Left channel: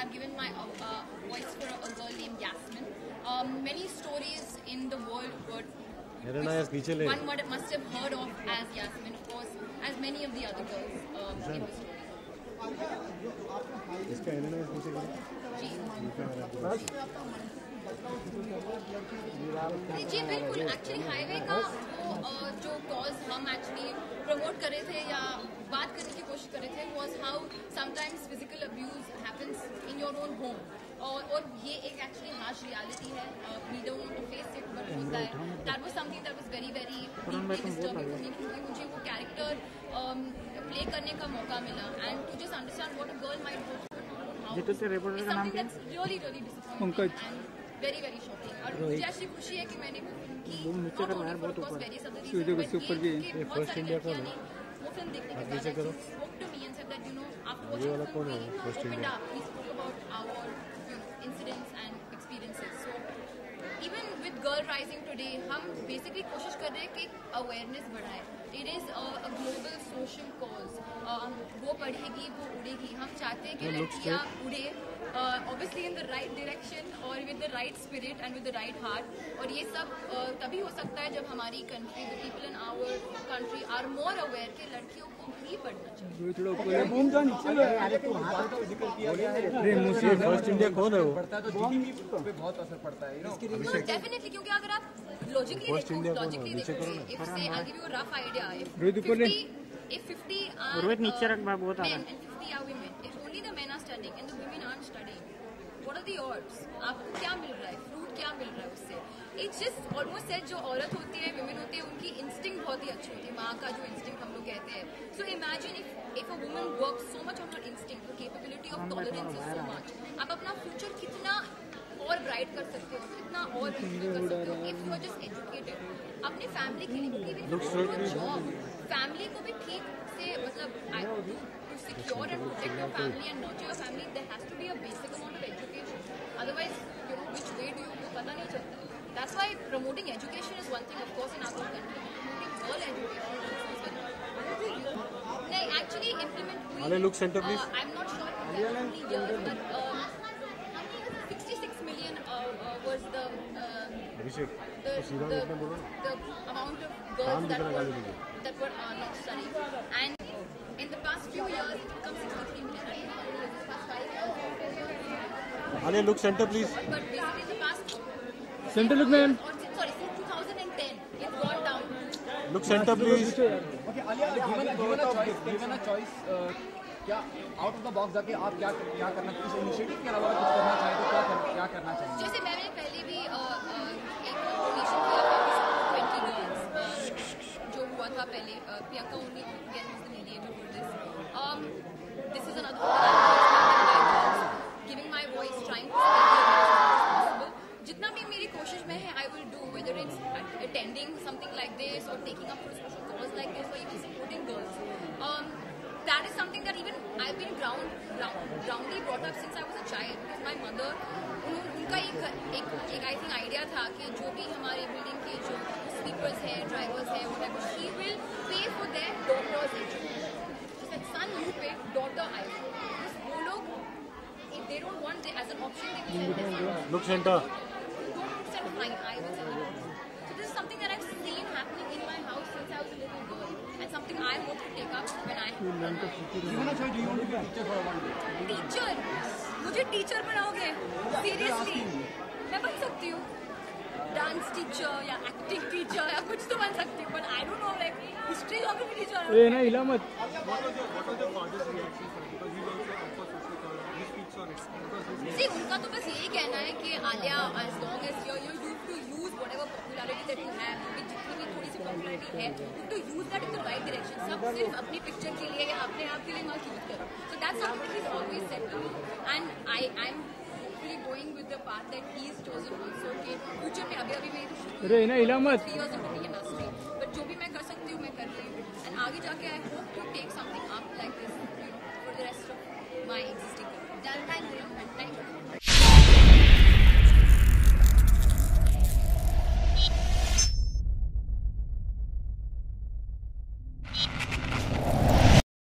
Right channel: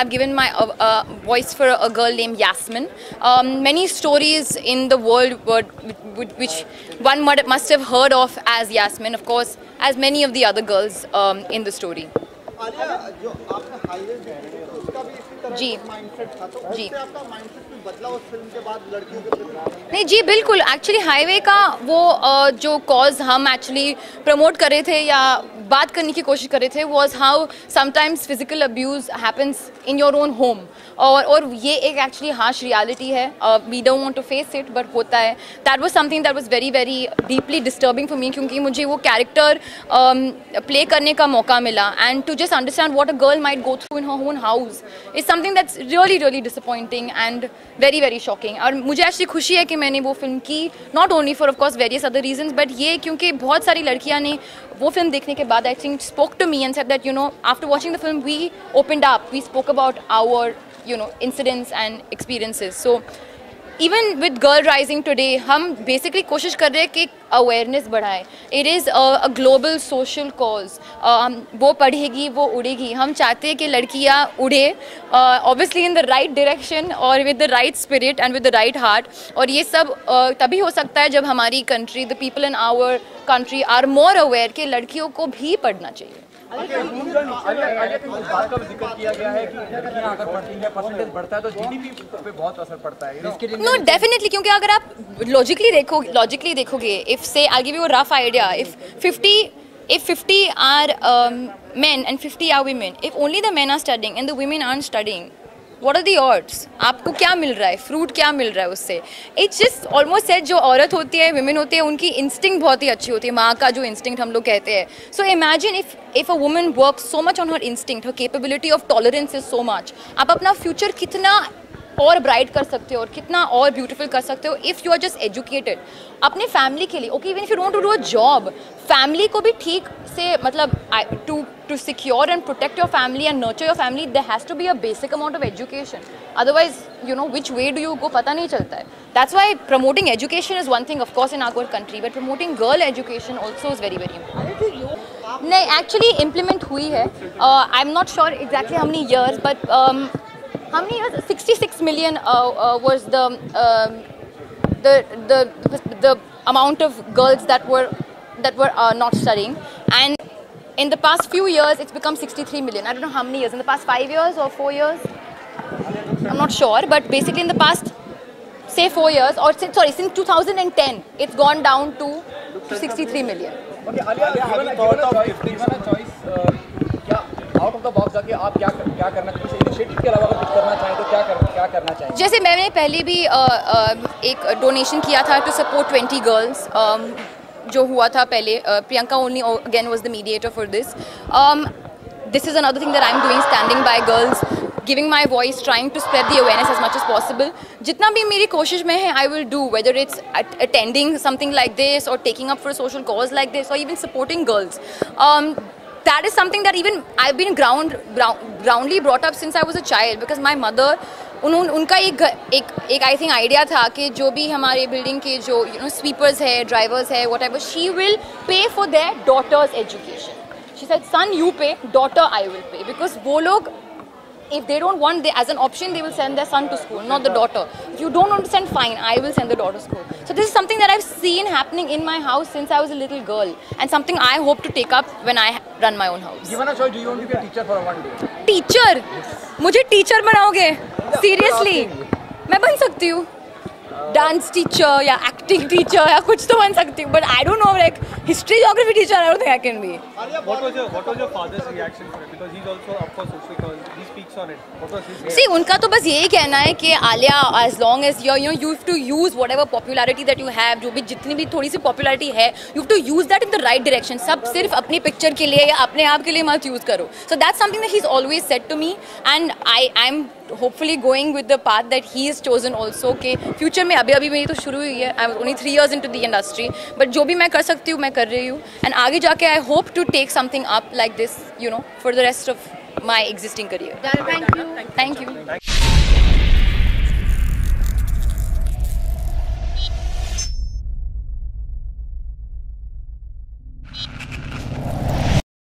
I've given my voice for a girl named Yasmin. Many stories in the world which one must have heard of as Yasmin, of course, as many of the other girls in the story. जी जी नहीं जी बिल्कुल actually highway का वो जो cause हम actually promote कर रहे थे या बात करने की कोशिश कर रहे थे was how sometimes physical abuse happens in your own home और ये एक एक्चुअली हार्श रियलिटी है. We don't want to face it but होता है. That was something that was very very deeply disturbing for me क्योंकि मुझे वो character play करने का मौका मिला and to just understand what a girl might go through in her own house is something that's really really disappointing and very very shocking. और मुझे actually खुशी है कि मैंने वो फिल्म की not only for of course various other reasons but ये क्योंकि बहुत सारी लड़कियां ने वो फिल्म देखने के बाद I think spoke to me and said that you know after watching the film we opened up we spoke about our incidents and experiences. So even with Girl Rising today हम basically कोशिश कर रहे हैं कि awareness बढ़ाए. It is a global social cause. वो पढ़ेगी वो उड़ेगी. हम चाहते हैं कि लड़कियाँ उड़े obviously in the right direction और with the right spirit and with the right heart. और ये सब तभी हो सकता है जब हमारी country, the people in our country are more aware कि लड़कियों को भी पढ़ना चाहिए. No, definitely क्योंकि अगर आप logically देखोगे if say I'll give you a rough idea if 50 are men and 50 are women, if only the men are studying and the women aren't studying, what are the odds? आपको क्या मिल रहा है, fruit क्या मिल रहा है उससे? It's just almost said जो औरत होती है, women होती है, उनकी इंस्टिंक्ट बहुत ही अच्छी होती है, माँ का जो इंस्टिंक्ट हम लोग कहते हैं. So imagine if a woman works so much on her instinct, her capability of tolerance is so much, आप अपना फ्यूचर कितना और ब्राइट कर सकते हो और कितना और ब्यूटीफुल कर सकते हो if you are just educated अपने फैमिली के लिए. Okay even if you want to do a job family को भी ठीक से मतलब to secure and protect your family and nurture your family there has to be a basic amount of education. Otherwise you know which way do you go पता नहीं चलता है. That's why promoting education is one thing of course in our country but promoting girl education also is very very important. नहीं actually implement हुई है. I am not sure exactly how many years but how many years? 66 million was the amount of girls that were not studying, and in the past few years it's become 63 million. I don't know how many years. In the past 5 years or 4 years, I'm not sure. But basically in the past, say 4 years, or since 2010, it's gone down to 63 million. Okay, Alia, given a choice, out of the box जाके आप क्या करना चाहिए initiative के अलावा कुछ करना चाहें तो क्या करना चाहिए? जैसे मैंने पहले भी एक डोनेशन किया था टू सपोर्ट 20 गर्ल्स जो हुआ था पहले. Priyanka only again was the mediator for this. This is another thing that I am doing standing bye girls giving my voice, trying to spread the awareness as much as possible. जितना भी मेरी कोशिश में है I will do, whether it's attending something like this or taking up for a social cause like this or even supporting girls. That is something that even I've been groundly brought up since I was a child because my mother उनका एक I think idea था कि जो भी हमारे building के जो sweepers है ड्राइवर्स है whatever she will pay for their daughters education. She said son you pay, daughter I will pay, because वो लोग if they don't want as an option they will send their son to school, not the daughter. If you don't understand, fine, I will send the daughter to school. So this is something that I've seen happening in my house since I was a little girl and something I hope to take up when I run my own house. Given a choice, do you want to be a teacher for one day? Teacher? मुझे teacher बनाओगे? Seriously मैं बन सकती हूँ dance teacher या acting teacher या कुछ तो बन सकती हूँ, but I don't know like history geography teacher I don't think I can be. What was your father's reaction for it? Because he's also of course social cause. He speaks on it. What was his reaction? See, उनका तो बस यही कहना है कि Alia as long as you have to use whatever popularity that you have, जो भी जितनी भी थोड़ी सी popularity है, you have to use that in the right direction. सब सिर्फ अपनी पिक्चर के लिए या अपने आप के लिए मत यूज़ करो. So that's something that he's always said to me, and I'm hopefully going with the path that he has chosen also. कि future में अभी मेरी तो शुरू हुई है. I'm only 3 years into the industry, but जो भी मैं कर सकती हूँ मैं कर रही हूँ, and आगे जाके I hope to take something up like this, for the rest of my existing career. Thank you. Thank you.